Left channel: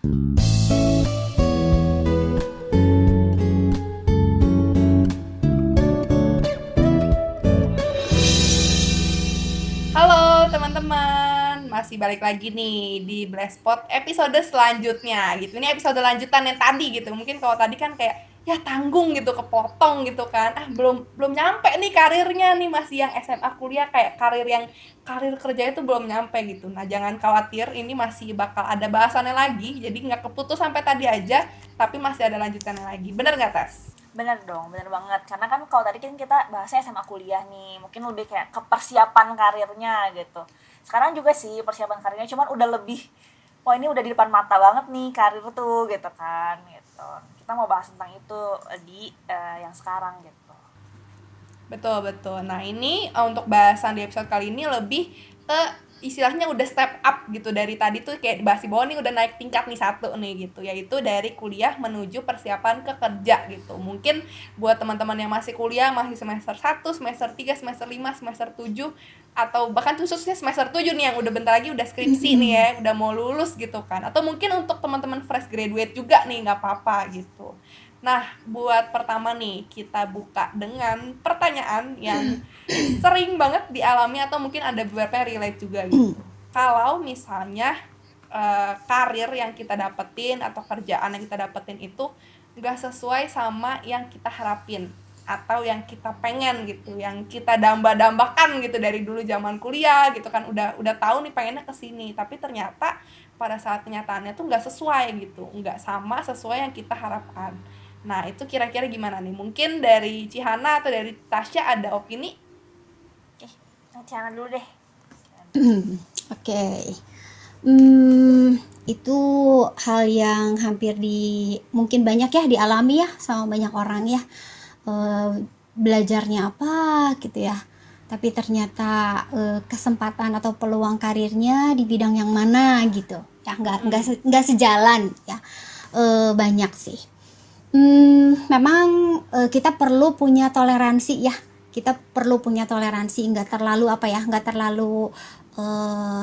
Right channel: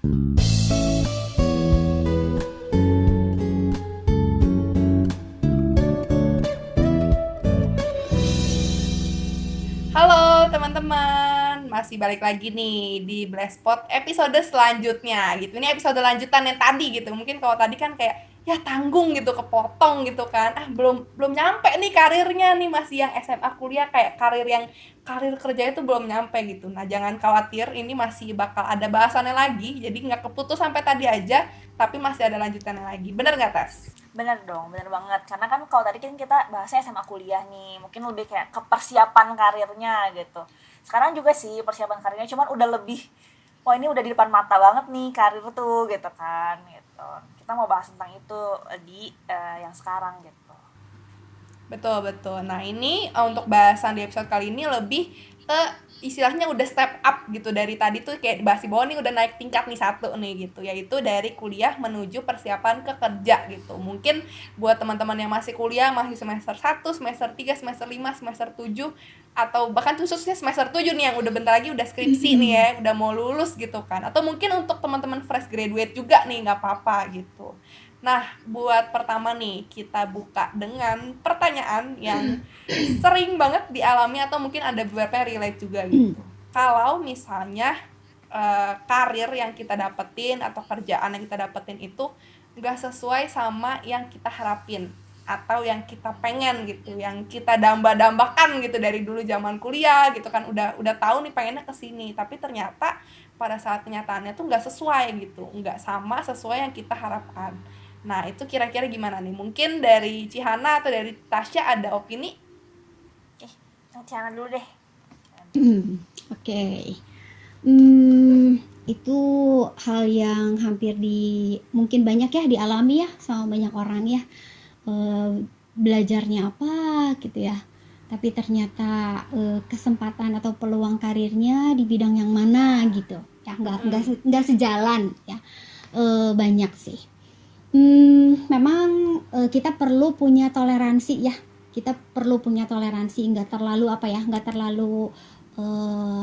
Halo teman-teman, masih balik lagi nih di Blastpot episode selanjutnya gitu. Ini episode lanjutan yang tadi gitu. Mungkin kalau tadi kan kayak ya tanggung gitu, kepotong gitu kan. Belum belum nyampe nih karirnya nih, masih yang SMA kuliah, kayak karir kerjanya tuh belum nyampe gitu. Nah, jangan khawatir, ini masih bakal ada bahasannya lagi. Jadi nggak keputus sampai tadi aja, tapi masih ada lanjutannya lagi. Bener nggak, Tas? Bener dong, bener banget. Karena kan kalau tadi kan kita bahasnya SMA kuliah nih, mungkin lebih kayak ke persiapan karirnya gitu. Sekarang juga sih persiapan karirnya, cuman udah lebih, wah ini udah di depan mata banget nih karir tuh gitu kan. Gitu. Kita mau bahas tentang itu di yang sekarang gitu. Betul, betul. Nah, ini untuk bahasan di episode kali ini lebih ke istilahnya udah step up gitu. Dari tadi tuh kayak dibahas di bawah nih udah naik tingkat nih satu nih gitu, yaitu dari kuliah menuju persiapan ke kerja gitu. Mungkin buat teman-teman yang masih kuliah, masih semester 1, semester 3, semester 5, semester 7, atau bahkan khususnya semester 7 nih yang udah bentar lagi udah skripsi nih ya, udah mau lulus gitu kan. Atau mungkin untuk teman-teman fresh graduate juga nih, nggak apa-apa gitu. Nah, buat pertama nih, kita buka dengan pertanyaan yang sering banget dialami atau mungkin ada beberapa yang relate juga gitu. Kalau misalnya karir yang kita dapetin atau kerjaan yang kita dapetin itu nggak sesuai sama yang kita harapin atau yang kita pengen gitu, yang kita damba-dambakan gitu dari dulu zaman kuliah gitu kan, udah tahu nih pengennya ke sini, tapi ternyata pada saat kenyataannya tuh nggak sesuai gitu, nggak sama sesuai yang kita harapkan. Nah, itu kira-kira gimana nih? Mungkin dari Cihana atau dari Tasya ada opini? Eh, Ciana dulu deh. Oke. Itu hal yang hampir mungkin banyak ya dialami ya sama banyak orang ya. Eh, Belajarnya apa gitu ya. Tapi ternyata kesempatan atau peluang karirnya di bidang yang mana gitu. Ya nggak sejalan ya. Banyak sih. Memang kita perlu punya toleransi ya. Kita perlu punya toleransi, nggak terlalu nggak terlalu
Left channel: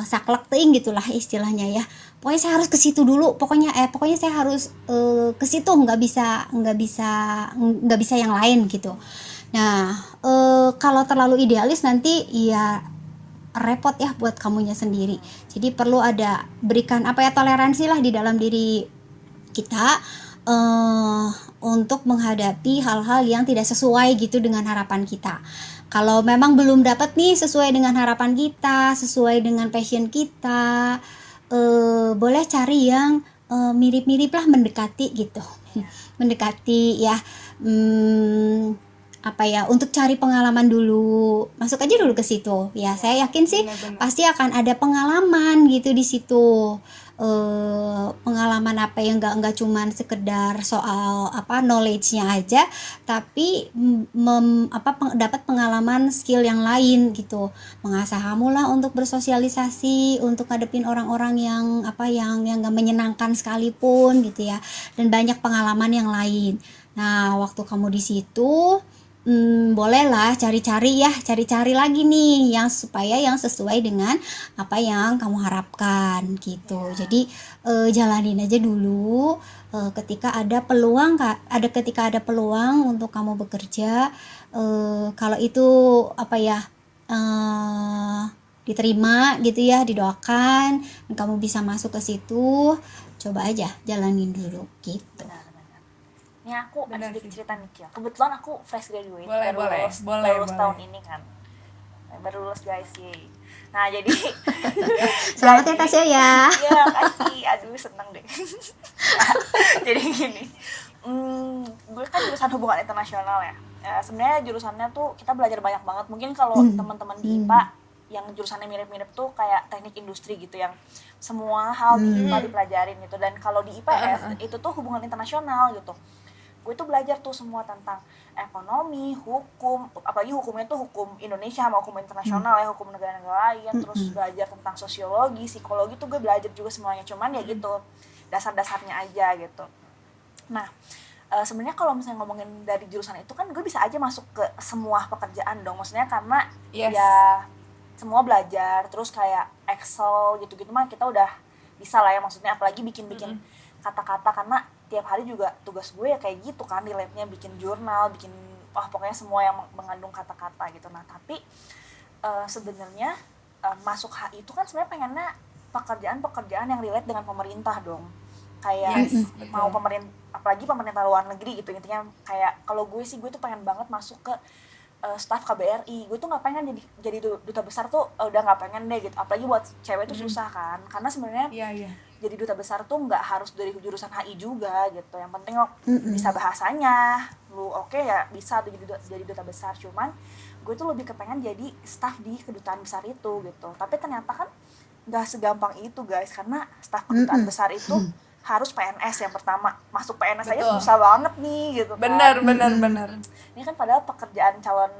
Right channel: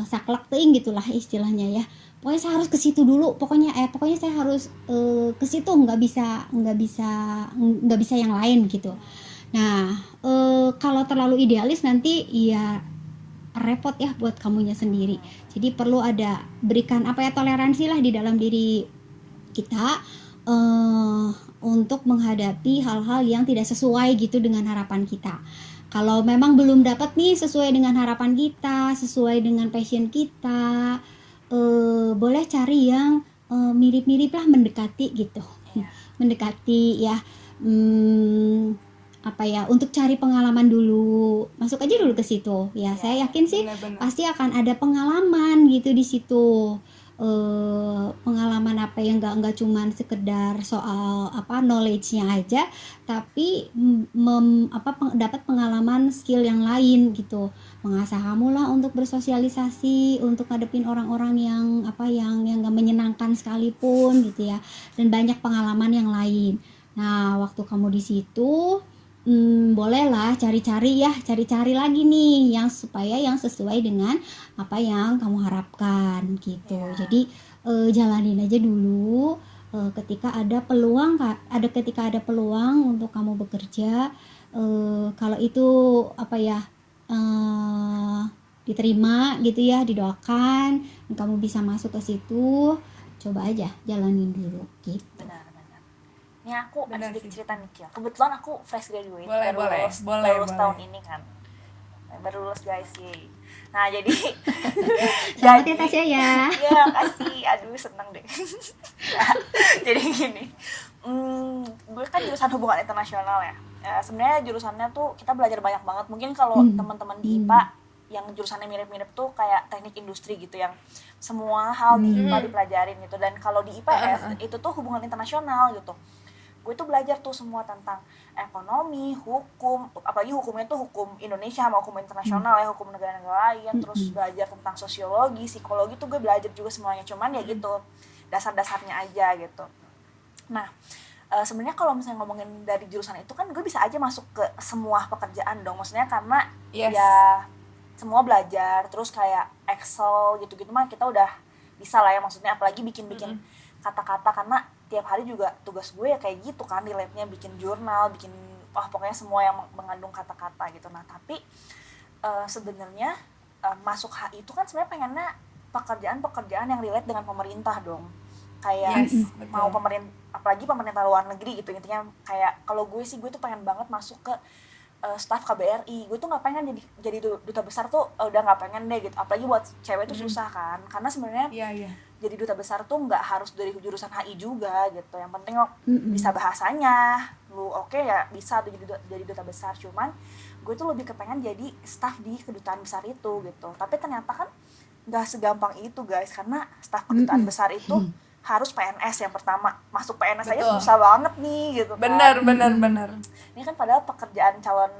saklek ting gitulah istilahnya ya. Pokoknya saya harus ke situ dulu. Pokoknya saya harus ke situ, nggak bisa yang lain gitu. Nah, kalau terlalu idealis nanti ya repot ya buat kamunya sendiri. Jadi perlu ada berikan toleransi lah di dalam diri kita untuk menghadapi hal-hal yang tidak sesuai gitu dengan harapan kita. Kalau memang belum dapat nih sesuai dengan harapan kita, sesuai dengan passion kita, boleh cari yang mirip-mirip lah, mendekati gitu. Mendekati ya, untuk cari pengalaman dulu, masuk aja dulu ke situ ya. Saya yakin sih Bener-bener. pasti akan ada pengalaman gitu di situ. Pengalaman yang nggak cuman sekedar soal knowledge-nya aja, tapi dapat pengalaman skill yang lain gitu, mengasah kamu lah untuk bersosialisasi, untuk ngadepin orang-orang yang yang nggak menyenangkan sekalipun gitu ya, dan banyak pengalaman yang lain. Nah, waktu kamu di situ bolehlah cari-cari lagi nih yang supaya yang sesuai dengan apa yang kamu harapkan gitu. Jadi jalanin aja dulu. Ketika ada peluang untuk kamu bekerja, kalau itu diterima gitu ya, didoakan dan kamu bisa masuk ke situ, coba aja jalanin dulu gitu. Benar. Ini aku Benar ada sedikit sih. cerita nih, Cil. Kebetulan aku fresh graduate, Boleh, boleh. baru lulus tahun ini kan. Baru lulus guys, yeay. Nah, jadi Selamat ya Tasya ya. Iya, kasih. Aduh, seneng deh. Jadi gini. Gue kan jurusan hubungan internasional ya. Sebenarnya jurusannya tuh kita belajar banyak banget. Mungkin kalau teman-teman di IPA yang jurusannya mirip-mirip tuh kayak teknik industri gitu, yang semua hal di IPA dipelajarin gitu. Dan kalau di IPS itu tuh hubungan internasional gitu. Gue tuh belajar tuh semua tentang ekonomi, hukum, apalagi hukumnya tuh hukum Indonesia sama hukum internasional ya, hukum negara-negara lain, terus belajar tentang sosiologi, psikologi tuh gue belajar juga semuanya, cuman ya gitu, dasar-dasarnya aja gitu. Nah, sebenarnya kalau misalnya ngomongin dari jurusan itu kan gue bisa aja masuk ke semua pekerjaan dong, maksudnya karena ya semua belajar, terus kayak Excel gitu-gitu mah kita udah bisa lah ya, maksudnya apalagi bikin-bikin kata-kata, karena tiap hari juga tugas gue ya kayak gitu kan, relate-nya bikin jurnal, bikin pokoknya semua yang mengandung kata-kata gitu. Nah tapi sebenarnya masuk HI itu kan sebenarnya pengennya pekerjaan-pekerjaan yang relate dengan pemerintah dong, kayak Yes, mau betul. pemerintah, apalagi pemerintah luar negeri gitu. Intinya kayak kalau gue sih, gue tuh pengen banget masuk ke staf KBRI. Gue tuh nggak pengen jadi duta besar tuh, udah nggak pengen deh gitu, apalagi buat cewek tuh susah kan, karena sebenarnya Iya, iya. jadi duta besar tuh nggak harus dari jurusan HI juga gitu. Yang penting lo Mm-mm. bisa bahasanya, lu oke ya bisa tuh jadi duta besar. Cuman gue tuh lebih kepengen jadi staf di kedutaan besar itu gitu. Tapi ternyata kan nggak segampang itu guys, karena staf kedutaan Mm-mm. besar itu harus PNS yang pertama. Masuk PNS aja Betul. susah banget nih gitu kan. Benar, benar. Ini kan padahal pekerjaan calon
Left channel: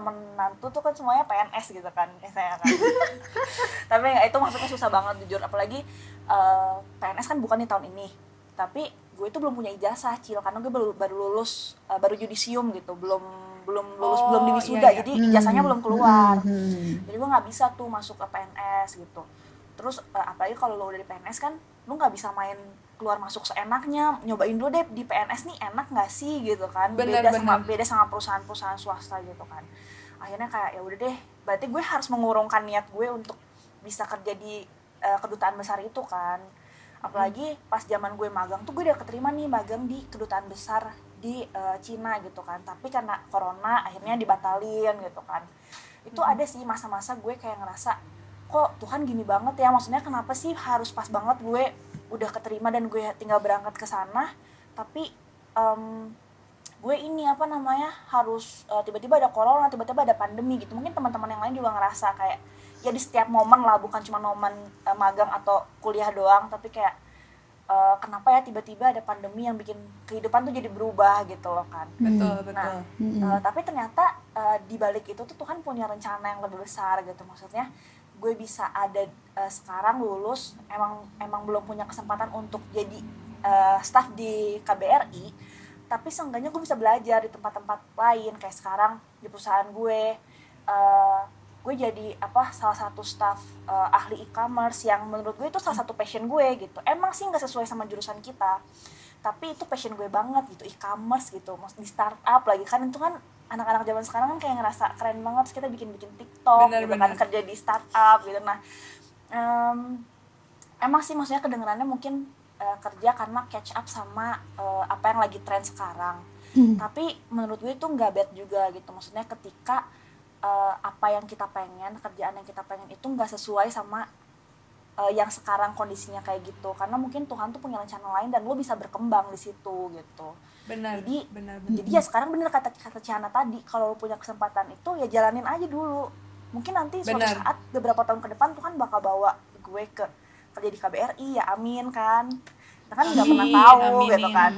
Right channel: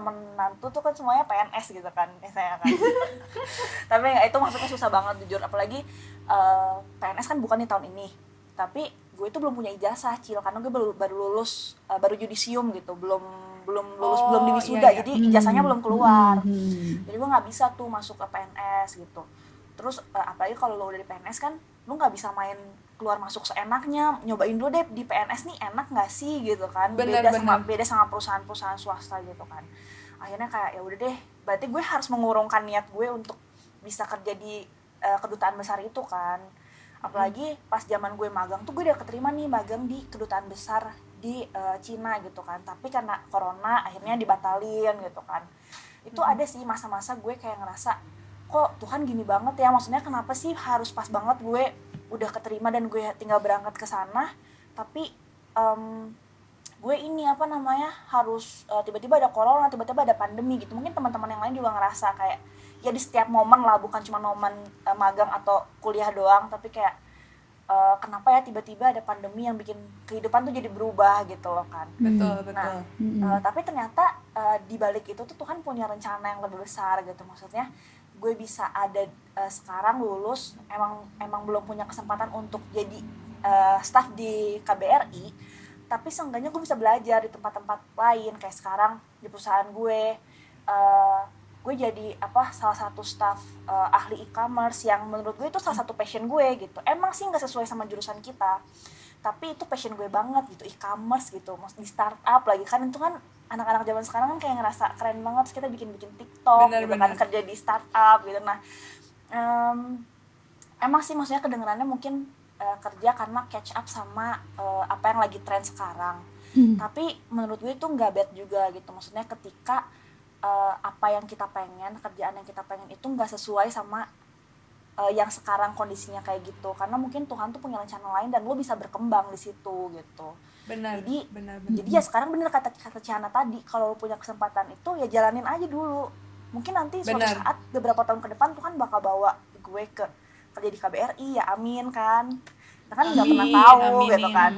menantu tuh kan semuanya PNS gitu kan saya kan. Tapi itu maksudnya susah banget jujur, apalagi PNS kan bukan di tahun ini, tapi gue itu belum punya ijazah Cil, karena gue baru lulus, baru yudisium gitu, belum lulus, Oh, belum di wisuda, iya, iya. jadi ijazahnya belum keluar. Mm-mm. Jadi gue nggak bisa tuh masuk ke PNS gitu. Terus apalagi kalau lo udah di PNS kan lo nggak bisa main keluar masuk seenaknya, nyobain dulu deh di PNS nih enak nggak sih gitu kan. Bener, Beda sama perusahaan-perusahaan swasta gitu kan. Akhirnya kayak ya udah deh, berarti gue harus mengurungkan niat gue untuk bisa kerja di kedutaan besar itu kan. Apalagi pas zaman gue magang tuh gue udah keterima nih magang di kedutaan besar di Cina gitu kan, tapi karena corona akhirnya dibatalin gitu kan. Itu ada sih masa-masa gue kayak ngerasa, kok Tuhan gini banget ya, maksudnya kenapa sih harus pas banget gue udah keterima dan gue tinggal berangkat ke sana, tapi gue ini harus tiba-tiba ada corona, tiba-tiba ada pandemi gitu. Mungkin teman-teman yang lain juga ngerasa kayak ya di setiap momen lah, bukan cuma momen magang atau kuliah doang, tapi kayak kenapa ya tiba-tiba ada pandemi yang bikin kehidupan tuh jadi berubah gitu loh kan. Betul. Nah, tapi ternyata di balik itu tuh Tuhan punya rencana yang lebih besar gitu. Maksudnya gue bisa ada sekarang lulus, emang belum punya kesempatan untuk jadi staff di KBRI, tapi seenggaknya gue bisa belajar di tempat-tempat lain. Kayak sekarang di perusahaan gue jadi salah satu staff ahli e-commerce, yang menurut gue itu salah satu passion gue gitu. Emang sih nggak sesuai sama jurusan kita, tapi itu passion gue banget gitu, e-commerce gitu, di startup lagi kan. Itu kan anak-anak zaman sekarang kan kayak ngerasa keren banget, terus kita bikin TikTok gitu kan, kerja di startup gitu. Nah emang sih maksudnya kedengerannya mungkin kerja karena catch up sama apa yang lagi tren sekarang. Tapi menurut gue itu nggak bad juga gitu. Maksudnya ketika apa yang kita pengen, kerjaan yang kita pengen itu nggak sesuai sama yang sekarang kondisinya kayak gitu, karena mungkin Tuhan tuh punya rencana lain dan lo bisa berkembang di situ gitu. Benar. Jadi ya sekarang bener kata Ciana tadi, kalau lo punya kesempatan itu ya jalanin aja dulu. Mungkin nanti suatu saat beberapa tahun ke depan Tuhan bakal bawa gue ke kerja di KBRI, ya amin kan. Kita kan nggak pernah tahu gitu kan.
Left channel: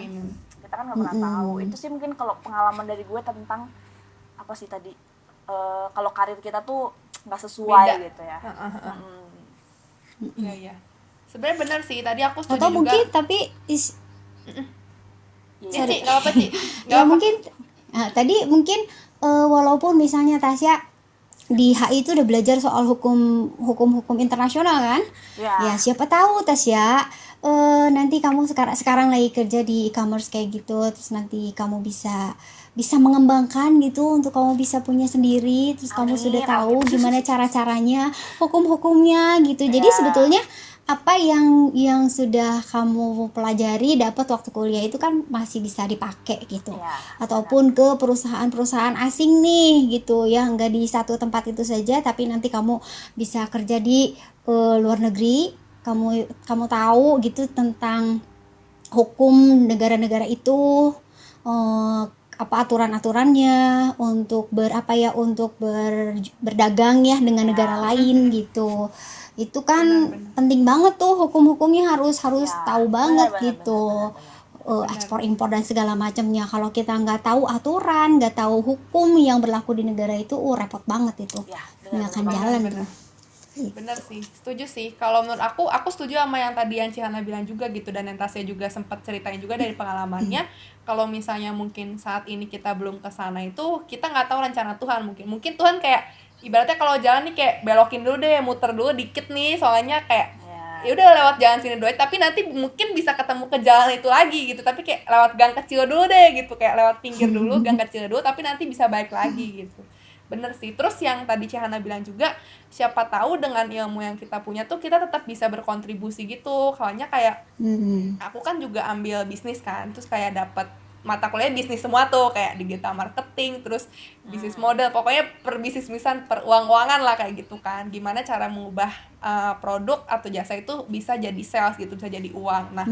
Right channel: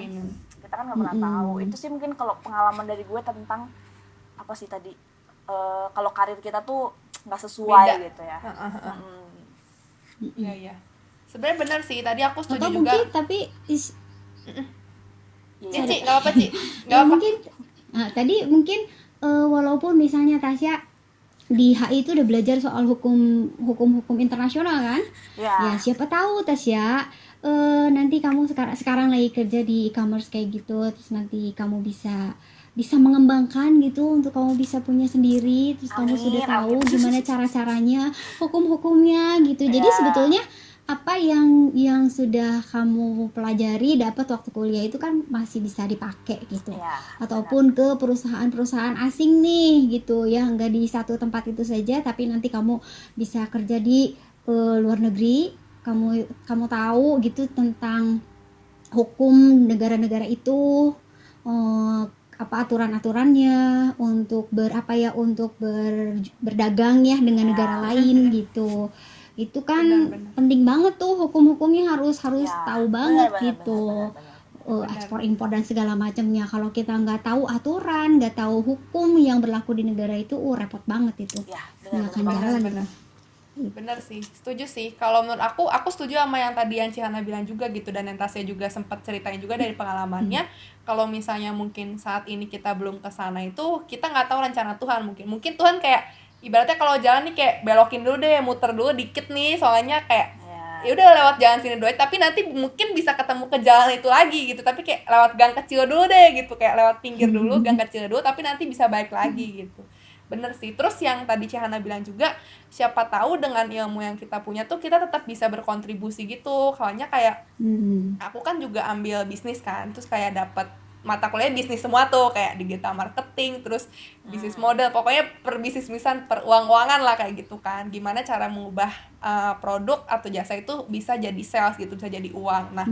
Kita kan nggak pernah tahu. Itu sih mungkin kalau pengalaman dari gue tentang apa sih tadi, kalau karir kita tuh nggak sesuai beda gitu ya. Iya. Sebenarnya benar sih, tadi aku setuju atau juga. Mungkin tapi Ci, nggak apa Ci, nggak apa. Mungkin tadi mungkin walaupun misalnya Tasya di HI itu udah belajar soal hukum internasional kan, ya siapa tahu Tasya nanti kamu sekarang lagi kerja di e-commerce kayak gitu, terus nanti kamu bisa mengembangkan gitu untuk kamu bisa punya sendiri, terus kamu sudah tahu gimana cara-caranya, hukumnya gitu. Jadi sebetulnya apa yang sudah kamu pelajari dapat waktu kuliah itu kan masih bisa dipakai gitu. Ataupun ke perusahaan-perusahaan asing nih gitu ya, nggak di satu tempat itu saja, tapi nanti kamu bisa kerja di luar negeri, kamu tahu gitu tentang hukum negara-negara itu, apa aturan-aturannya untuk berdagang ya dengan negara lain gitu. Itu kan benar. Penting banget tuh, hukum-hukumnya harus tahu banget gitu. Ekspor impor dan segala macamnya. Kalau kita nggak tahu aturan, nggak tahu hukum yang berlaku di negara itu, repot banget itu. Nggak akan jalan. Bener sih, setuju sih. Kalau menurut aku setuju sama yang tadi yang Cihana bilang juga gitu, dan yang Tasya juga sempat ceritain juga dari pengalamannya. Kalau misalnya mungkin saat ini kita belum ke sana itu, kita nggak tahu rencana Tuhan. Mungkin Tuhan kayak ibaratnya kalau jalan nih kayak belokin dulu deh, muter dulu dikit nih, soalnya kayak ya udah lewat jalan sini dulu, tapi nanti mungkin bisa ketemu ke jalan itu lagi gitu, tapi kayak lewat gang kecil dulu deh gitu, kayak lewat pinggir dulu, gang kecil dulu, tapi nanti bisa balik lagi gitu. Bener sih. Terus yang tadi Cihana bilang juga, siapa tahu dengan ilmu yang kita punya tuh kita tetap bisa berkontribusi gitu. Soalnya kayak aku kan juga ambil bisnis kan, terus kayak dapat mata kuliah bisnis semua tuh, kayak digital marketing, terus bisnis model, pokoknya per bisnis-bisnisan, per uang-uangan lah kayak gitu kan. Gimana cara mengubah produk atau jasa itu bisa jadi sales gitu, bisa jadi uang. Nah,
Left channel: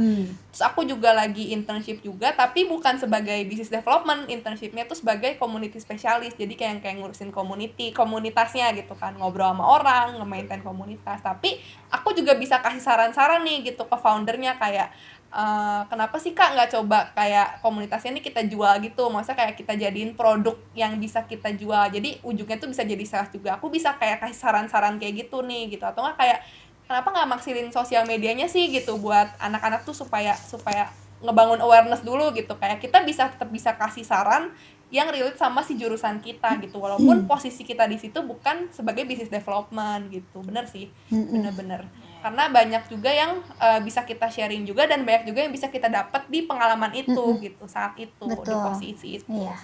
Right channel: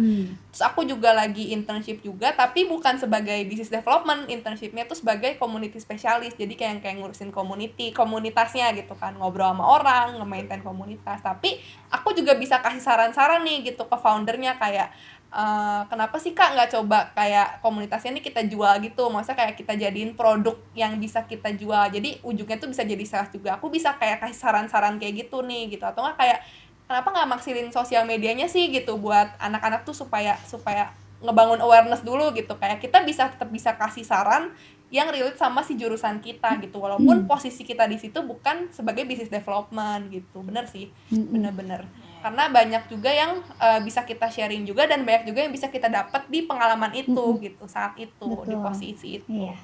terus aku juga lagi internship juga, tapi bukan sebagai business development, internshipnya tuh sebagai community specialist. Jadi kayak ngurusin komunitasnya gitu kan, ngobrol sama orang, nge-maintain komunitas. Tapi aku juga bisa kasih saran-saran nih gitu ke foundernya, kayak kenapa sih Kak nggak coba kayak komunitasnya nih kita jual gitu, maksudnya kayak kita jadiin produk yang bisa kita jual, jadi ujungnya tuh bisa jadi sales juga. Aku bisa kayak kasih saran-saran kayak gitu nih gitu, atau nggak kayak kenapa nggak maksilin sosial medianya sih gitu buat anak-anak tuh supaya ngebangun awareness dulu gitu, kayak kita tetap bisa kasih saran yang relate sama si jurusan kita gitu, walaupun posisi kita di situ bukan sebagai business development gitu. Bener sih, bener-bener. Karena banyak juga yang bisa kita sharing juga, dan banyak juga yang bisa kita dapat di pengalaman itu gitu, saat itu. Betul. Di posisi itu. Iya.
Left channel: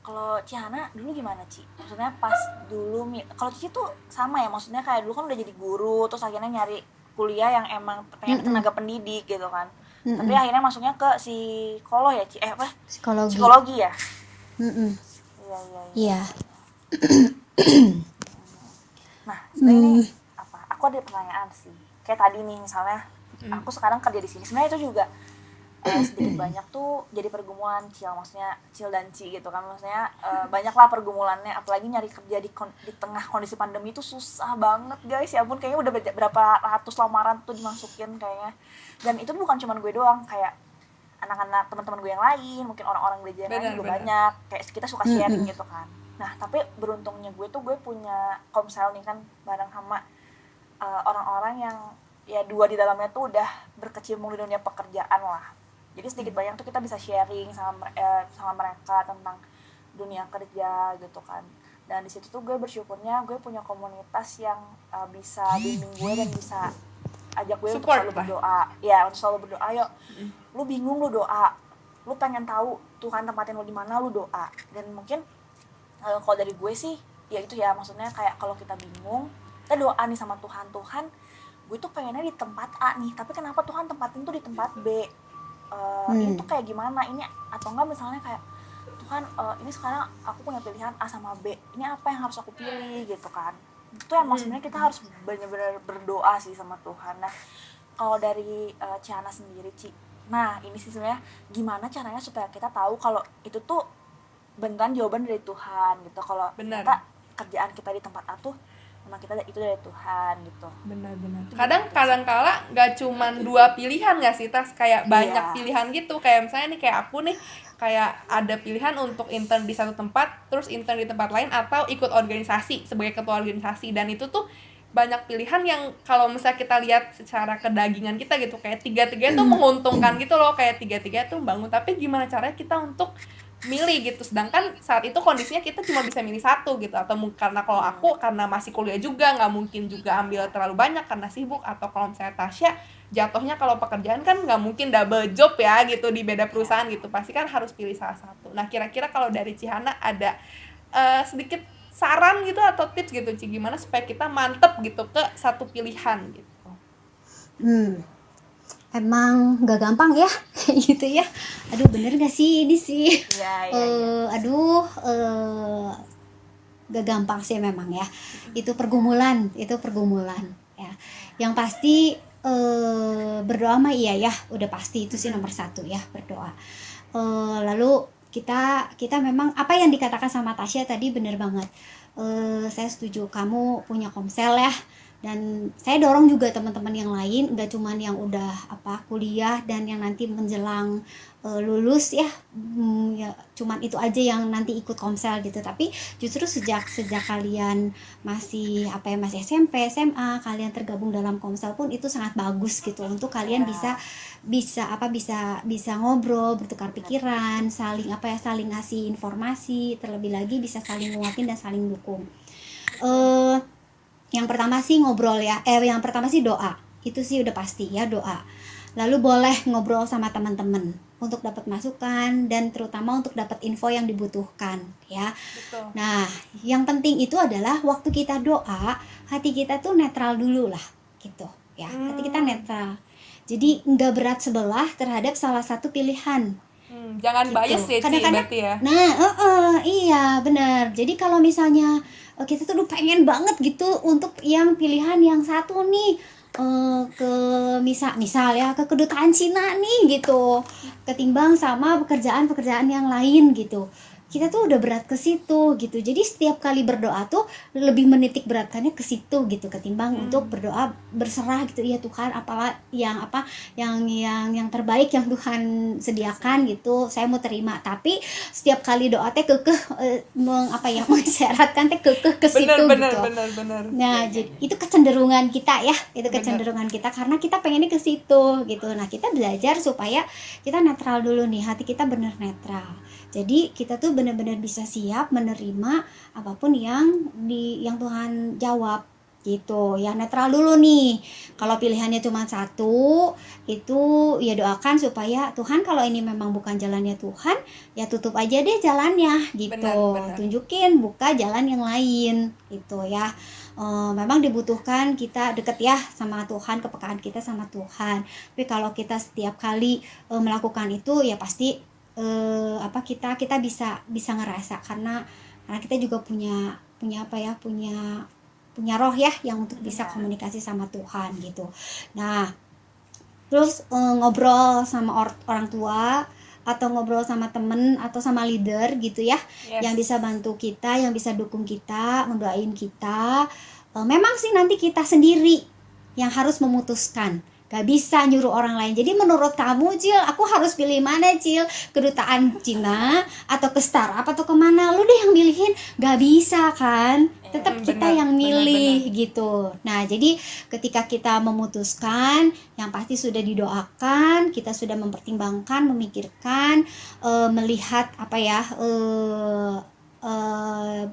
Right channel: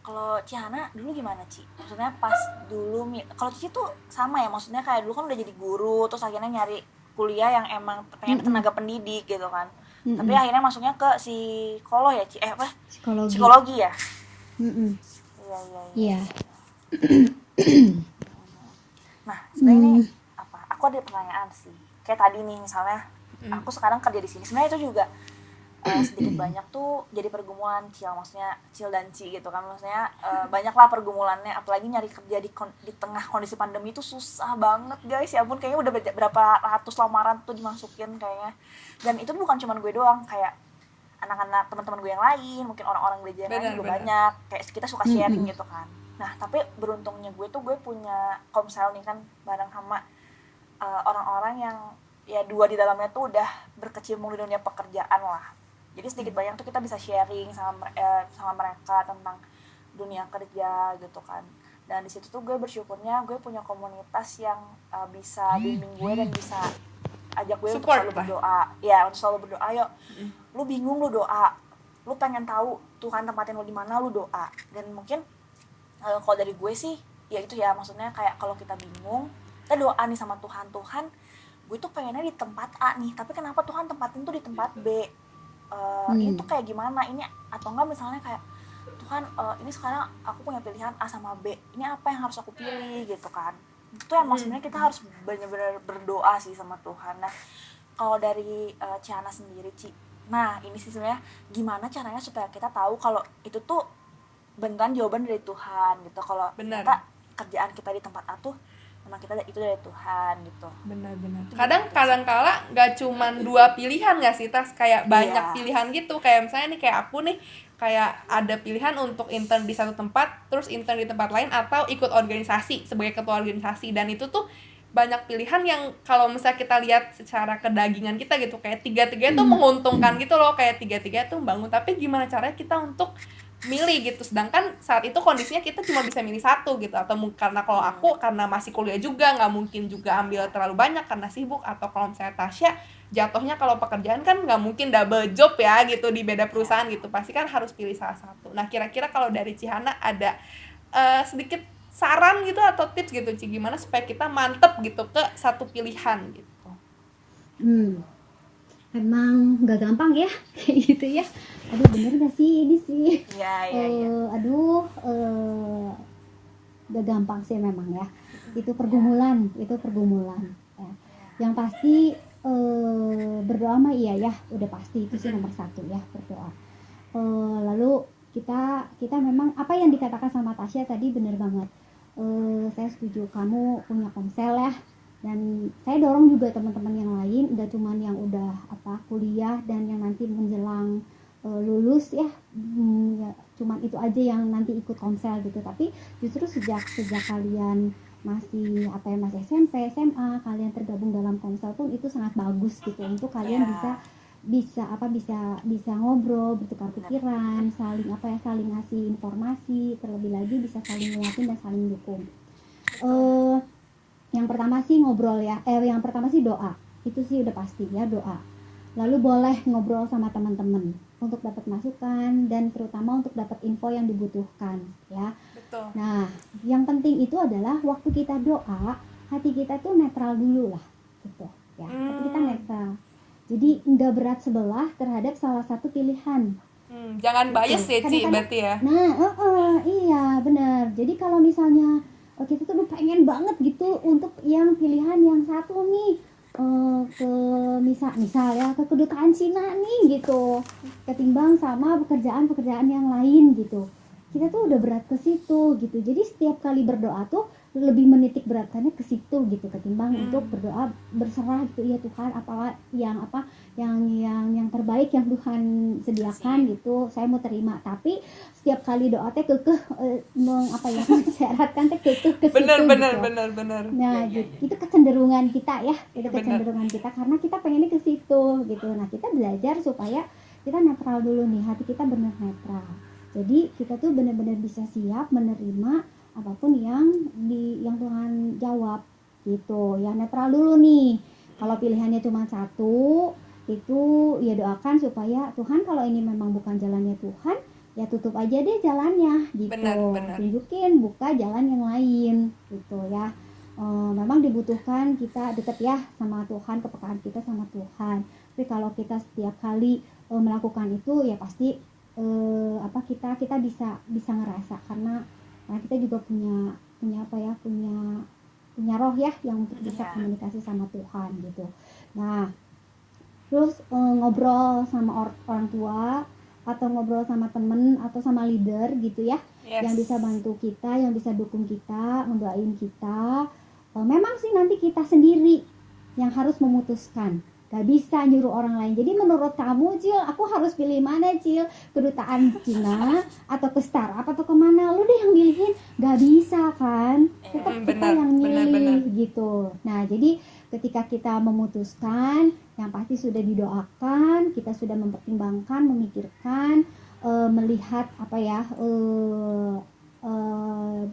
Kalau Cihana dulu gimana Ci? Maksudnya pas dulu, kalau Cici tuh sama ya, maksudnya kayak dulu kan udah jadi guru, terus akhirnya nyari kuliah yang emang pengen tenaga pendidik gitu kan. Tapi akhirnya masuknya ke psikolog ya Ci? Psikologi ya? Iya. Nah, sebenarnya ini aku ada pertanyaan sih, kayak tadi nih misalnya aku sekarang kerja di sini, sebenarnya itu juga sedikit banyak tuh jadi pergumulan maksudnya Cil dan Ci gitu kan, maksudnya banyak lah pergumulannya, apalagi nyari kerja di tengah kondisi pandemi itu susah banget guys, ya ampun, kayaknya udah berapa ratus lamaran tuh dimasukin kayaknya. Dan itu bukan cuma gue doang, kayak anak-anak teman-teman gue yang lain, mungkin orang-orang gereja yang lain juga banyak, kayak kita suka sharing gitu kan. Nah tapi beruntungnya gue punya komsel nih kan, bareng sama orang-orang yang ya dua di dalamnya tuh udah berkecimpung di dunia pekerjaan lah. Jadi sedikit banyak tuh kita bisa sharing sama mereka tentang dunia kerja gitu kan. Dan di situ tuh gue bersyukurnya gue punya komunitas yang bisa bimbing gue dan bisa ajak gue untuk selalu berdoa. Ya, untuk selalu berdoa. Yuk, lu bingung lu doa. Lu pengen tahu Tuhan tempatin lu di mana, lu doa. Dan mungkin kalau dari gue sih ya itu ya, maksudnya kayak kalau kita bingung, kita doa nih sama Tuhan, gue tuh pengennya di tempat A nih, tapi kenapa Tuhan tempatin tuh di tempat B? Ini tuh kayak gimana ini? Atau enggak misalnya kayak Tuhan, ini sekarang aku punya pilihan A sama B, ini apa yang harus aku pilih gitu kan? Itu yang maksudnya kita harus benar-benar berdoa sih sama Tuhan. Nah kalau dari Cihana sendiri Ci, nah ini sih sebenarnya gimana caranya supaya kita tahu kalau itu tuh beneran jawaban dari Tuhan gitu, kalau ternyata kerjaan kita di tempat A tuh memang kita itu dari Tuhan gitu. Benar-benar. Kadang-kala nggak cuman dua pilihan nggak sih, Tas, kayak banyak pilihan gitu. Kayak misalnya nih kayak aku nih, kayak ada pilihan untuk intern di satu tempat, terus intern di tempat lain, atau ikut organisasi sebagai ketua organisasi. Dan itu tuh banyak pilihan yang kalau misalnya kita lihat secara kedagingan kita gitu, kayak tiga-tiga itu menguntungkan gitu loh, kayak tiga-tiga itu membangun. Tapi gimana caranya kita untuk milih gitu, sedangkan saat itu kondisinya kita cuma bisa milih satu gitu, atau karena kalau aku karena masih kuliah juga nggak mungkin juga ambil terlalu banyak karena sibuk, atau kalau misalnya Tasya jatuhnya kalau pekerjaan kan nggak mungkin double job ya gitu di beda perusahaan gitu, pasti kan harus pilih salah satu. Nah kira-kira kalau dari Cihana ada sedikit saran gitu atau tips gitu Ci, gimana supaya kita mantep gitu ke satu pilihan gitu? Emang gak gampang ya gitu ya. Aduh bener gak sih ini sih? Iya. Aduh gak gampang sih memang ya. Itu pergumulan ya. Yang pasti berdoa mah iya ya, udah pasti itu sih nomor satu ya, berdoa. Lalu kita memang apa yang dikatakan sama Tasya tadi bener banget. Saya setuju, kamu punya komsel ya. Dan saya dorong juga teman-teman yang lain, gak cuman yang udah kuliah dan yang nanti menjelang lulus ya, ya cuman itu aja yang nanti ikut komsel gitu. Tapi justru sejak kalian masih masih SMP, SMA, kalian tergabung dalam komsel pun itu sangat bagus gitu, untuk kalian bisa ngobrol, bertukar pikiran, saling ngasih informasi, terlebih lagi bisa saling menguatkan dan saling dukung. Yang pertama sih ngobrol ya, yang pertama sih doa itu sih udah pasti ya, doa. Lalu boleh ngobrol sama teman-teman untuk dapat masukan dan terutama untuk dapat info yang dibutuhkan ya. Betul. Nah, yang penting itu adalah waktu kita doa, hati kita tuh netral dulu lah gitu ya. Hati kita netral. Jadi nggak berat sebelah terhadap salah satu pilihan. Jangan bias ya Ci, Kadang-kadang- berarti ya. Nah, iya benar. Jadi kalau misalnya kita tuh udah pengen banget gitu untuk yang pilihan yang satu nih, ke misal ya ke kedutaan Cina nih gitu, ketimbang sama pekerjaan yang lain gitu. Kita tuh udah berat ke situ gitu. Jadi setiap kali berdoa tuh lebih menitik beratkannya ke situ gitu, ketimbang untuk berdoa berserah gitu, ya Tuhan apalah yang terbaik yang Tuhan sediakan gitu, saya mau terima. Tapi setiap kali doa teh kekeh mensyaratkan teh kekeh ke situ Benar. Nah, itu kecenderungan kita ya, kecenderungan kita karena kita pengennya ke situ gitu. Nah, kita belajar supaya kita netral dulu nih, hati kita benar netral. Jadi kita tuh benar-benar bisa siap menerima apapun yang Tuhan jawab gitu. Ya netral dulu nih. Kalau pilihannya cuma satu, itu ya doakan supaya Tuhan kalau ini memang bukan jalannya Tuhan, ya tutup aja deh jalannya gitu. Benar. Tunjukin, buka jalan yang lain gitu ya. Memang dibutuhkan kita deket ya sama Tuhan, kepekaan kita sama Tuhan. Tapi kalau kita setiap kali melakukan itu ya pasti kita bisa ngerasa karena kita juga punya roh ya yang untuk bisa komunikasi sama Tuhan gitu. Nah, terus ngobrol sama orang tua atau ngobrol sama temen atau sama leader gitu ya, yang bisa bantu kita, yang bisa dukung kita, mendoain kita. Memang sih nanti kita sendiri yang harus memutuskan, gak bisa nyuruh orang lain. Jadi menurut kamu Cil, aku harus pilih mana Cil, kedutaan Cina atau ke startup atau kemana, lu deh yang milihin, gak bisa kan, tetap kita yang milih gitu. Nah jadi ketika kita memutuskan, yang pasti sudah didoakan, kita sudah mempertimbangkan, memikirkan, melihat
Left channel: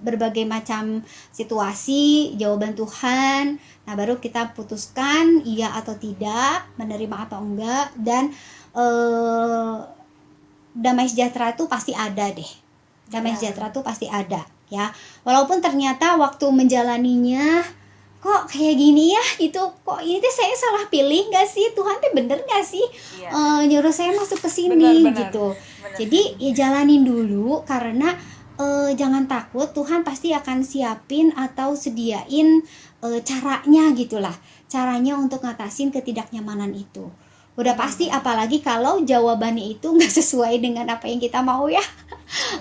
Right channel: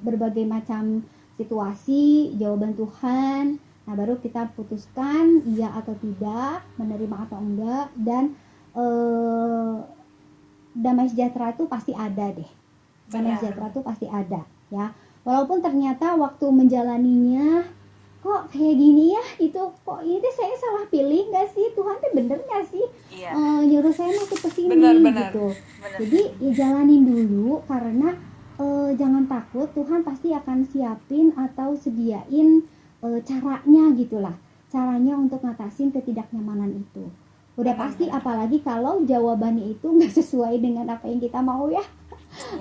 berbagai macam situasi, jawaban Tuhan. Nah baru kita putuskan iya atau tidak, menerima atau enggak. Dan damai sejahtera itu pasti ada deh. Damai sejahtera itu pasti ada ya. Walaupun ternyata waktu menjalaninya kok kayak gini ya gitu, kok ini tuh saya salah pilih gak sih, Tuhan tuh bener gak sih nyuruh saya masuk ke sini gitu. Jadi ya jalanin dulu karena jangan takut, Tuhan pasti akan siapin atau sediain caranya gitulah, caranya untuk ngatasin ketidaknyamanan itu. Udah pasti, apalagi kalau jawabannya itu nggak sesuai dengan apa yang kita mau ya.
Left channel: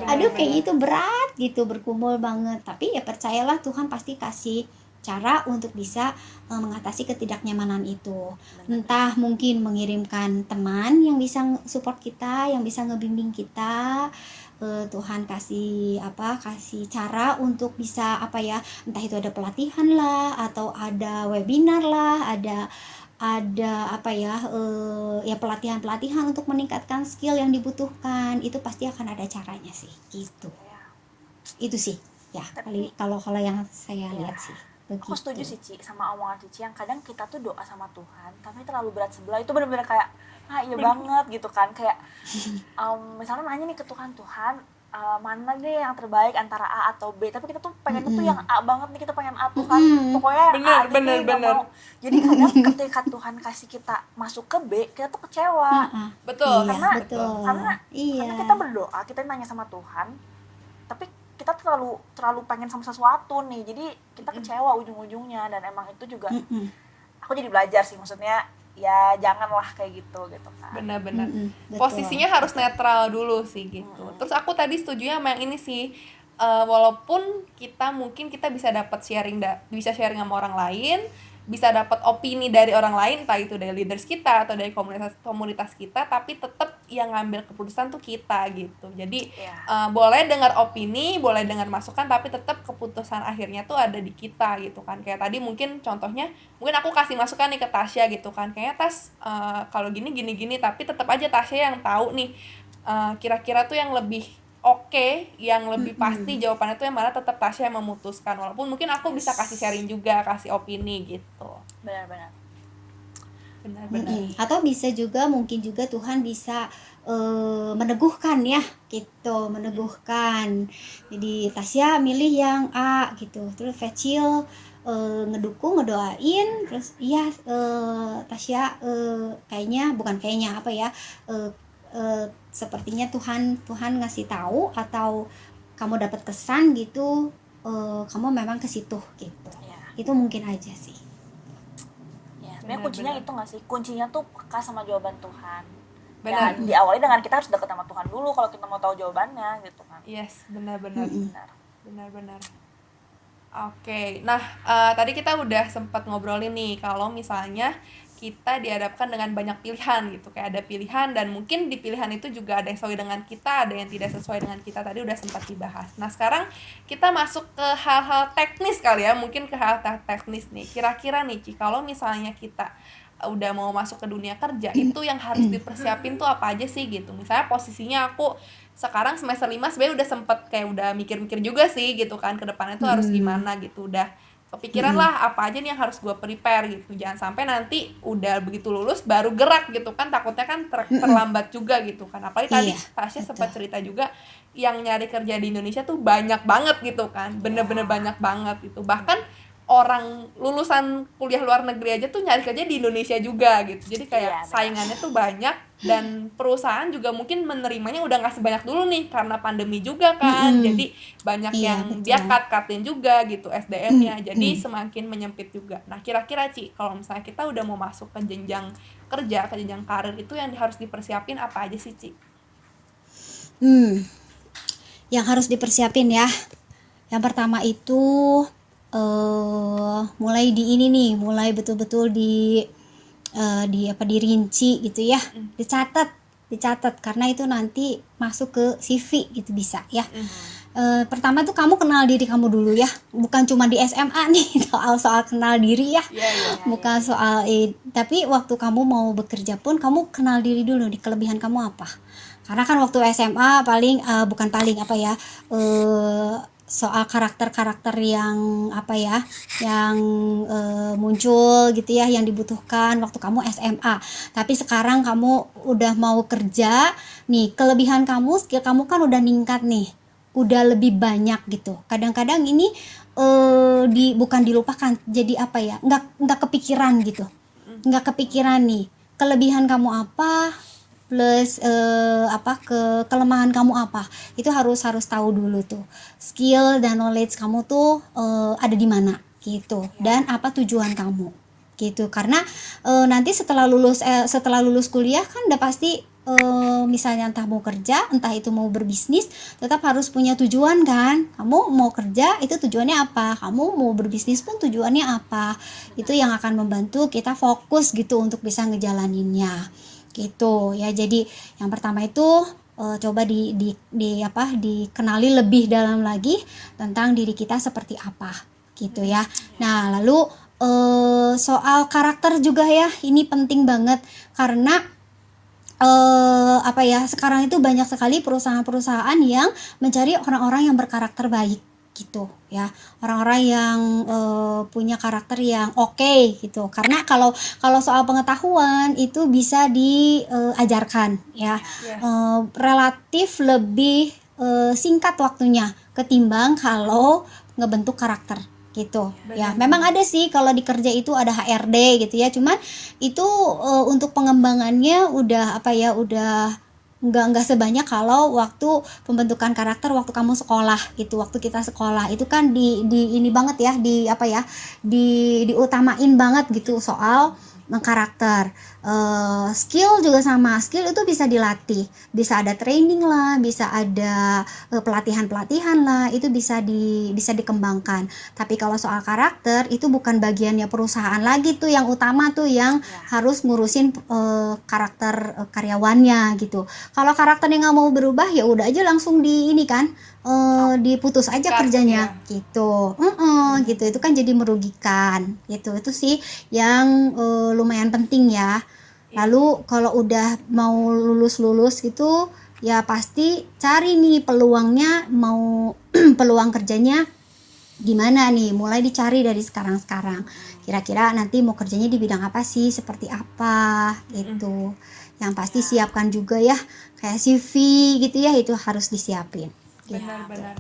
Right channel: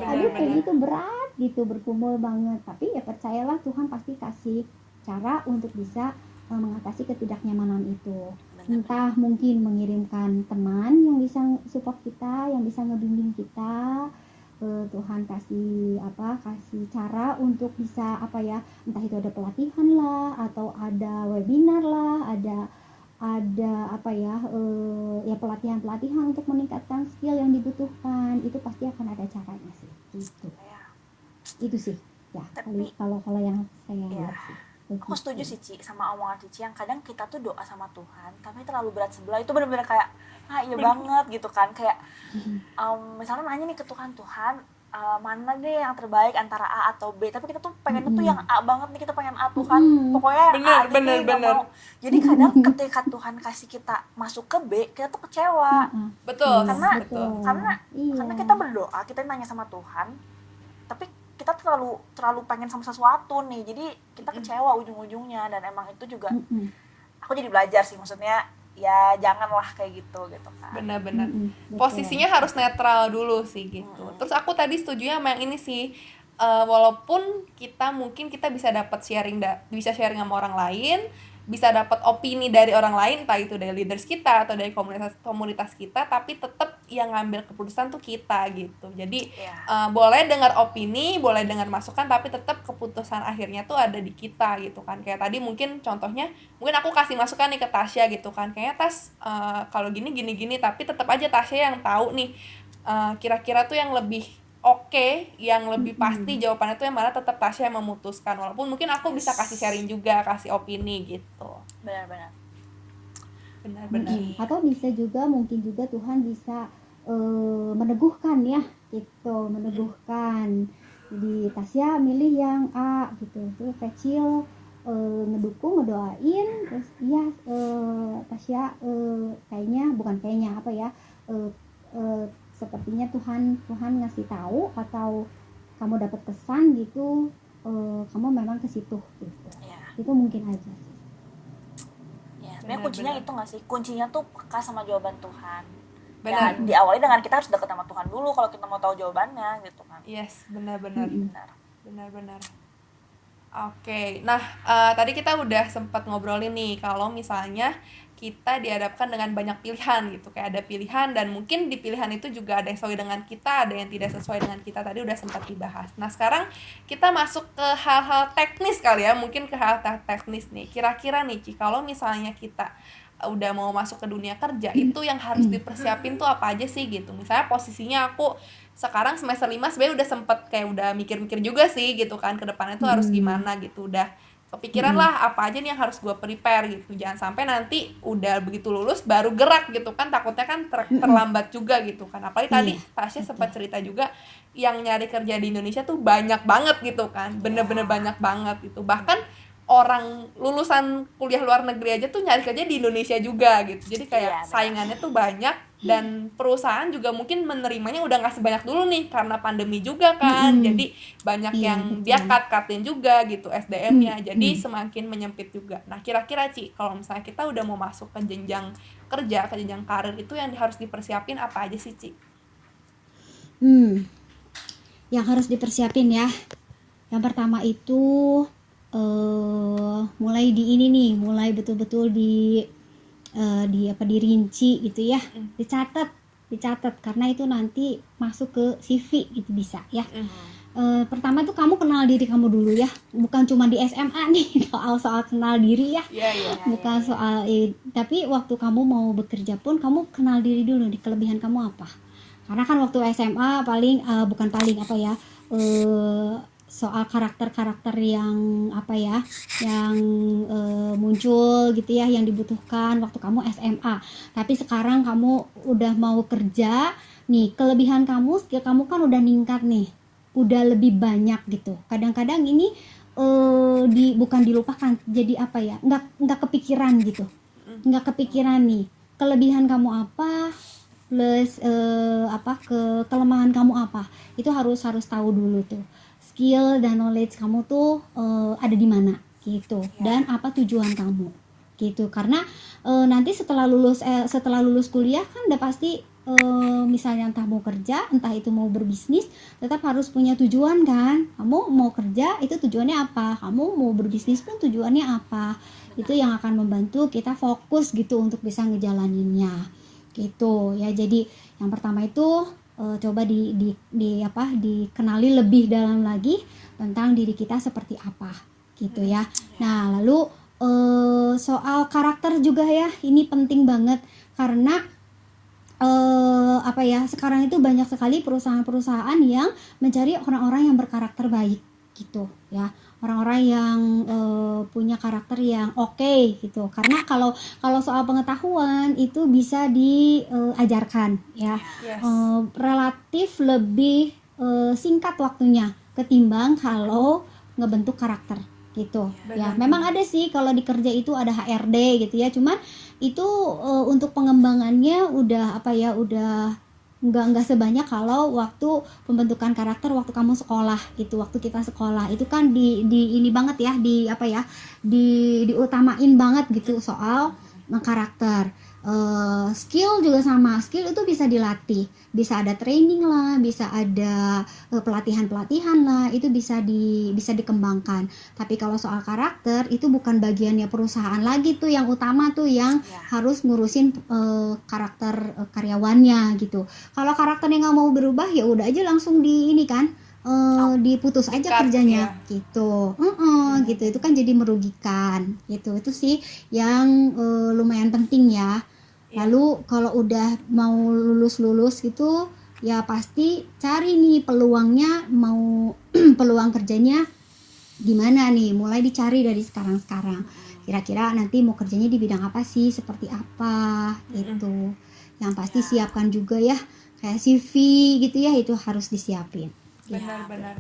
Aduh kayaknya itu berat gitu, bergumul banget. Tapi ya percayalah Tuhan pasti kasih cara untuk bisa mengatasi ketidaknyamanan itu. Entah mungkin mengirimkan teman yang bisa support kita, yang bisa ngebimbing kita. Tuhan kasih cara untuk bisa entah itu ada pelatihan lah atau ada webinar lah, ada pelatihan untuk meningkatkan skill yang dibutuhkan. Itu pasti akan ada caranya sih gitu. Itu sih ya. Tapi kalau yang saya lihat sih begitu. Aku setuju sih Ci sama omongan Cici yang kadang kita tuh doa sama Tuhan tapi terlalu berat sebelah. Itu benar-benar kayak iya banget gitu kan, kayak misalnya nanya nih ke Tuhan, mana deh yang terbaik antara A atau B, tapi kita tuh pengen tuh yang A banget nih, kita pengen A Tuhan, pokoknya A bener. Jadi kadang ketika Tuhan kasih kita masuk ke B, kita tuh kecewa. Betul. Karena kita berdoa, kita nanya sama Tuhan, tapi kita terlalu pengen sama sesuatu nih, jadi kita kecewa ujung-ujungnya. Dan emang itu juga aku jadi belajar sih, maksudnya ya janganlah kayak gitu kan. Benar-benar. Posisinya harus netral dulu sih gitu. Terus aku tadi setuju sama yang ini sih, walaupun kita bisa dapat bisa sharing sama orang lain, bisa dapat opini dari orang lain, entah itu dari leaders kita atau dari komunitas kita, tapi tetap yang ngambil keputusan tuh kita gitu. Jadi boleh dengar opini, boleh dengar masukan, tapi tetap keputusan akhirnya tuh ada di kita gitu kan. Kayak tadi mungkin contohnya, mungkin aku kasih masukan nih ke Tasya gitu kan, kayaknya Tas kalau gini, tapi tetap aja Tasya yang tahu nih kira-kira tuh yang lebih yang lebih pasti jawabannya tuh yang mana, tetap Tasya yang memutuskan, walaupun mungkin aku bisa kasih sharing juga, kasih opini gitu. Benar-benar. benar-benar. Atau bisa juga mungkin juga Tuhan bisa meneguhkan ya gitu, meneguhkan. Jadi Tasya milih yang A gitu, terus Fecil ngedukung, ngedoain, terus iya Tasya kayaknya bukan kayaknya apa ya, sepertinya Tuhan ngasih tahu atau kamu dapat kesan gitu, kamu memang ke situ gitu. Ya. Itu mungkin aja sih. Ya, sebenarnya kuncinya itu nggak sih? Kuncinya tuh peka sama jawaban Tuhan. Benar. Ya, diawali dengan kita harus dekat sama Tuhan dulu kalau kita mau tahu jawabannya gitu kan. Yes, benar-benar. Benar. Benar-benar. Oke, nah tadi kita udah sempat ngobrolin nih kalau misalnya kita dihadapkan dengan banyak pilihan gitu, kayak ada pilihan dan mungkin di pilihan itu juga ada yang sesuai dengan kita, ada yang tidak sesuai dengan kita, tadi udah sempat dibahas. Nah sekarang kita masuk ke hal-hal teknis kali ya, mungkin ke hal teknis nih. Kira-kira nih Ci, kalau misalnya kita udah mau masuk ke dunia kerja, itu yang harus dipersiapin tuh apa aja sih gitu. Misalnya posisinya aku sekarang semester 5 sebenarnya udah sempet kayak udah mikir-mikir juga sih gitu kan, ke depannya tuh harus gimana gitu, udah kepikiran lah apa aja nih yang harus gue prepare gitu. Jangan sampai nanti udah begitu lulus baru gerak gitu kan, takutnya kan terlambat juga gitu kan. Apalagi tadi Tasya sempat cerita juga yang nyari kerja di Indonesia tuh banyak banget gitu kan, bener-bener banyak banget gitu. Bahkan orang lulusan kuliah luar negeri aja tuh nyari kerja di Indonesia juga gitu. Jadi kayak saingannya tuh banyak dan perusahaan juga mungkin menerimanya udah nggak sebanyak dulu nih karena pandemi juga kan. Jadi banyak yang dia cut-cutin juga gitu SDM-nya. Jadi semakin menyempit juga. Nah, kira-kira Ci, kalau misalnya kita udah mau masuk ke jenjang kerja, ke jenjang karir, itu yang harus dipersiapin apa aja sih, Ci? Yang harus dipersiapin ya. Yang pertama itu mulai di ini nih, mulai betul-betul dirinci gitu ya, dicatat karena itu nanti masuk ke CV gitu bisa ya. Pertama tuh kamu kenal diri kamu dulu ya, bukan cuma di SMA nih soal kenal diri ya, bukan soal tapi waktu kamu mau bekerja pun kamu kenal diri dulu, di kelebihan kamu apa. Karena kan waktu SMA bukan paling apa ya, soal karakter-karakter yang apa ya, yang muncul gitu ya, yang dibutuhkan waktu kamu SMA. Tapi sekarang kamu udah mau kerja nih, kelebihan kamu, skill kamu kan udah ningkat nih, udah lebih banyak gitu. Kadang-kadang ini bukan dilupakan, jadi apa ya, nggak kepikiran gitu, nggak kepikiran nih kelebihan kamu apa plus kelemahan kamu apa, itu harus tahu dulu tuh, skill dan knowledge kamu tuh ada di mana gitu, dan apa tujuan kamu gitu. Karena nanti setelah lulus kuliah kan udah pasti misalnya entah mau kerja, entah itu mau berbisnis, tetap harus punya tujuan kan. Kamu mau kerja itu tujuannya apa, kamu mau berbisnis pun tujuannya apa. Itu yang akan membantu kita fokus gitu untuk bisa ngejalaninnya gitu ya. Jadi yang pertama itu coba dikenali lebih dalam lagi tentang diri kita seperti apa gitu ya. Nah lalu soal karakter juga ya, ini penting banget karena sekarang itu banyak sekali perusahaan-perusahaan yang mencari orang-orang yang berkarakter baik gitu ya, orang-orang yang punya karakter yang oke gitu. Karena kalau soal pengetahuan itu bisa diajarkan ya, relatif lebih singkat waktunya ketimbang kalau ngebentuk karakter gitu ya. Memang ada sih kalau di kerja itu ada HRD gitu ya, cuman itu untuk pengembangannya udah nggak sebanyak kalau waktu pembentukan karakter waktu kamu sekolah gitu. Waktu kita sekolah itu kan di ini banget ya, diutamain banget gitu soal karakter. Skill juga sama, skill itu bisa dilatih, bisa ada training lah, bisa ada pelatihan lah, itu bisa dikembangkan. Tapi kalau soal karakter itu bukan bagiannya perusahaan lagi tuh, yang utama tuh yang harus ngurusin karakter karyawannya gitu. Kalau karakternya nggak mau berubah ya udah aja langsung diputus aja kerjanya gitu. Gitu, itu kan jadi merugikan gitu. Itu sih yang lumayan penting ya. Lalu kalau udah mau lulus gitu ya pasti cari nih peluangnya, mau peluang kerjanya gimana nih, mulai dicari dari sekarang-sekarang. Kira-kira nanti mau kerjanya di bidang apa sih, seperti apa gitu. Yang pasti siapkan juga ya, kayak CV gitu ya, itu harus disiapin. Benar-benar.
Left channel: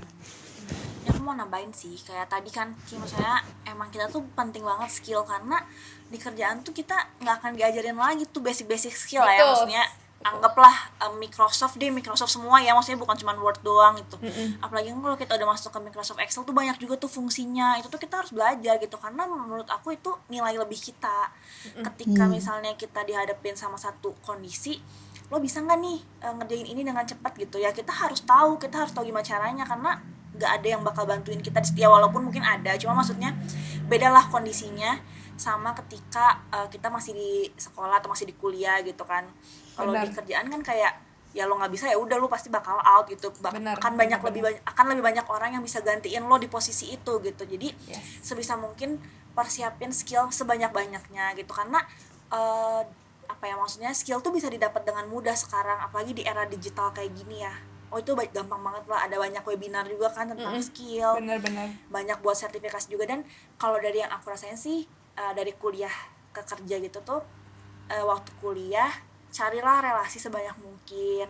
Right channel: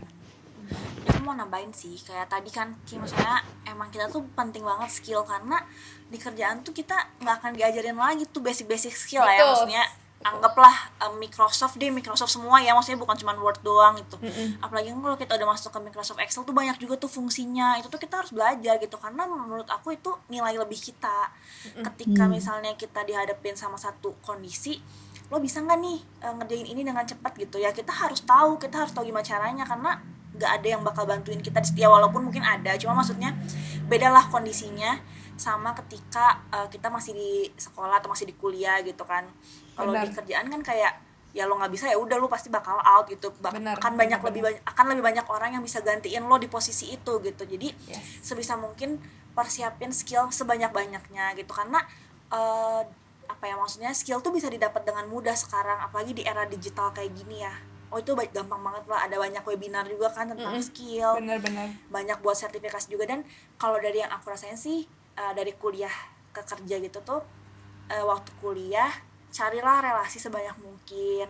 Aku mau nambahin sih, kayak tadi kan maksudnya emang kita tuh penting banget skill, karena di kerjaan tuh kita nggak akan diajarin lagi tuh basic skill lah ya, Betul. maksudnya anggaplah Microsoft semua ya, maksudnya bukan cuma Word doang gitu. Apalagi kan kalau kita udah masuk ke Microsoft Excel tuh banyak juga tuh fungsinya, itu tuh kita harus belajar gitu, karena menurut aku itu nilai lebih kita. Ketika misalnya kita dihadapin sama satu kondisi, lo bisa nggak nih ngerjain ini dengan cepat gitu ya, kita harus tahu gimana caranya, karena nggak ada yang bakal bantuin kita ya, walaupun mungkin ada, cuma maksudnya bedalah kondisinya sama ketika kita masih di sekolah atau masih di kuliah gitu kan. Kalau di kerjaan kan kayak ya lo nggak bisa ya udah lo pasti bakal out gitu. Akan lebih banyak orang yang bisa gantiin lo di posisi itu gitu. Jadi sebisa mungkin persiapin skill sebanyak-banyaknya gitu, karena apa ya, maksudnya skill tuh bisa didapat dengan mudah sekarang, apalagi di era digital kayak gini ya. Oh itu gampang banget lah, ada banyak webinar juga kan tentang skill. Benar-benar. Banyak buat sertifikasi juga. Dan kalau dari yang aku rasain sih, dari kuliah ke kerja gitu tuh, waktu kuliah carilah relasi sebanyak mungkin,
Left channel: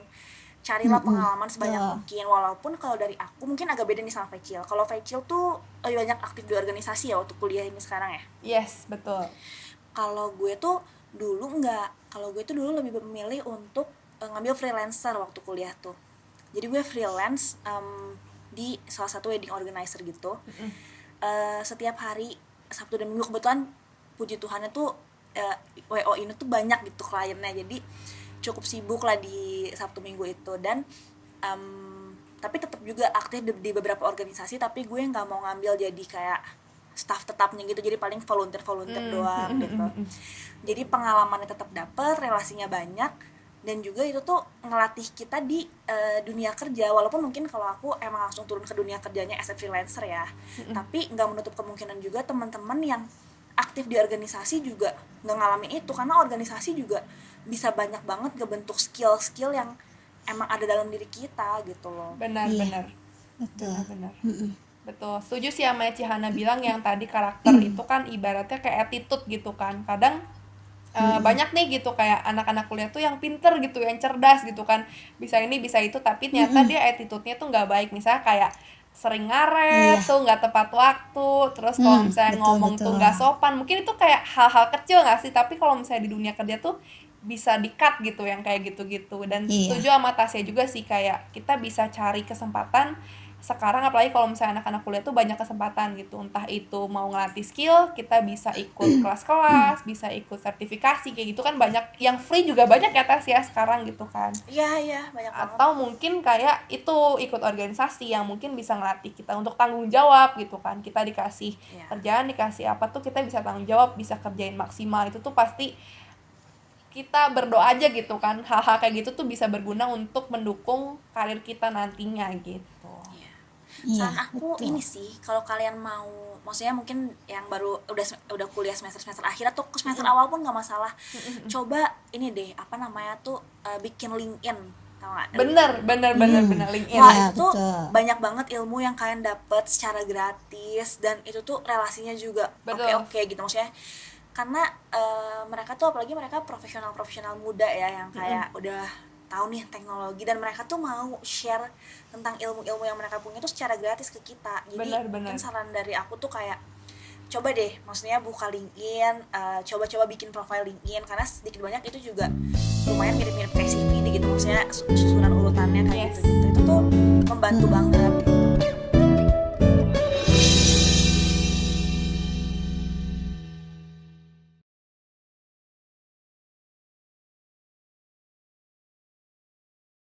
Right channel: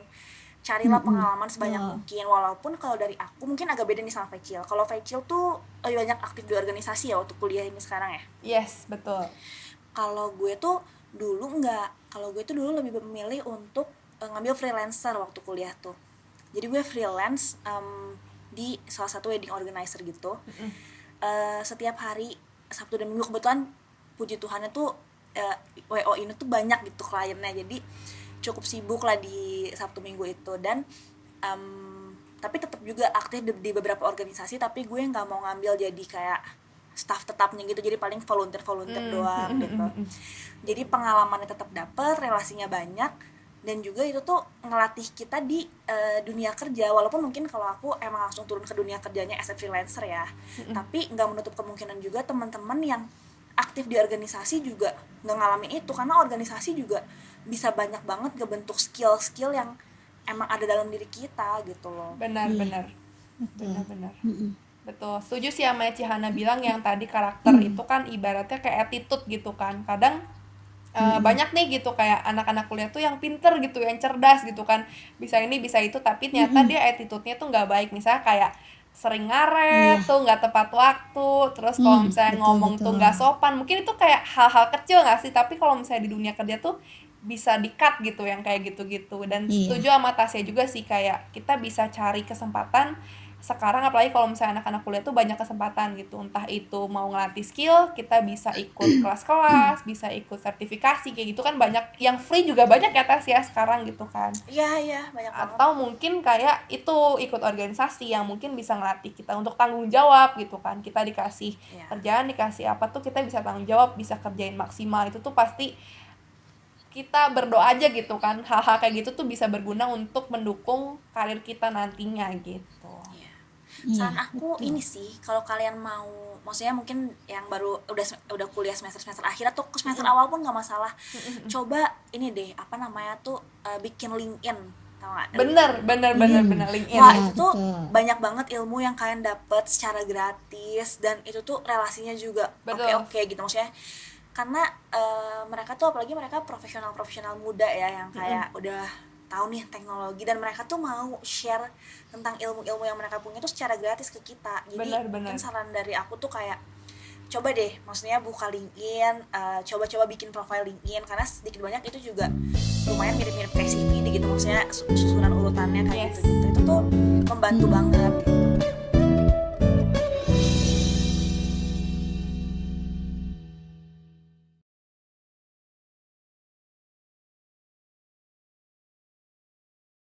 carilah pengalaman sebanyak mungkin. Walaupun kalau dari aku mungkin agak beda nih sama Fecil. Kalau Fecil tuh lebih banyak aktif di organisasi ya waktu kuliah ini sekarang ya. Yes, betul. Kalau gue tuh dulu enggak. Kalau gue tuh dulu lebih memilih untuk ngambil freelancer waktu kuliah tuh. Jadi gue freelance di salah satu wedding organizer gitu. Setiap hari Sabtu dan Minggu, kebetulan puji Tuhannya tuh WO ini tuh banyak gitu kliennya, jadi cukup sibuk lah di Sabtu Minggu itu. Dan tapi tetap juga aktif di beberapa organisasi, tapi gue nggak mau ngambil jadi kayak staff tetapnya gitu, jadi paling volunteer doang gitu. Jadi pengalamannya tetap dapet, relasinya banyak, dan juga itu tuh ngelatih kita di dunia kerja. Walaupun mungkin kalau aku emang langsung turun ke dunia kerjanya as a freelancer ya, tapi nggak menutup kemungkinan juga teman-teman yang aktif di organisasi juga nggak ngalamin itu, karena organisasi juga bisa banyak banget ngebentuk skill-skill yang emang ada dalam diri kita gitu loh. Benar-benar. Betul, setuju sih sama Cihana bilang yang tadi karakter itu kan ibaratnya kayak attitude gitu kan. Kadang banyak nih gitu kayak anak-anak kuliah tuh yang pinter gitu, yang cerdas gitu kan, bisa ini bisa itu, tapi ternyata dia attitude-nya tuh nggak baik. Misalnya kayak sering ngaret tuh, nggak tepat waktu, terus kalau misalnya ngomong tuh nggak sopan. Mungkin itu kayak hal-hal kecil nggak sih, tapi kalau misalnya di dunia kerja tuh bisa di-cut gitu yang kayak gitu-gitu. Dan setuju sama Tasya juga sih, kayak kita bisa cari kesempatan sekarang, apalagi kalau misalnya anak-anak kuliah tuh banyak kesempatan gitu, entah itu mau ngelatih skill, kita bisa ikut kelas-kelas, bisa ikut sertifikasi kayak gitu kan, banyak yang free juga banyak ya Tasya sekarang gitu kan. Iya banyak banget. Atau mungkin kayak itu ikut organisasi yang mungkin bisa ngelatih kita untuk tanggung jawab gitu kan. Kita dikasih kerjaan, dikasih apa tuh kita bisa tanggung jawab, bisa kerjain maksimal. Itu tuh pasti kita berdoa aja gitu kan, hal-hal kayak gitu tuh bisa berguna untuk mendukung karir kita nantinya gitu. Saran aku ini sih, kalau kalian mau, maksudnya mungkin yang baru udah kuliah semester akhir atau semester awal pun nggak masalah, coba ini deh, apa namanya tuh, bikin LinkedIn, tau nggak? Bener LinkedIn. Wah itu tuh banyak banget ilmu yang kalian dapet secara gratis, dan itu tuh relasinya juga oke gitu, maksudnya karena mereka tuh, apalagi mereka profesional muda ya, yang kayak udah tahu nih teknologi, dan mereka tuh mau share tentang ilmu-ilmu yang mereka punya tuh secara gratis ke kita. Jadi mungkin saran dari aku tuh kayak coba deh, maksudnya buka LinkedIn, coba-coba bikin profile LinkedIn, karena sedikit banyak itu juga lumayan mirip-mirip kayak CV gitu, maksudnya susunan urutannya kayak gitu. Itu tuh membantu banget.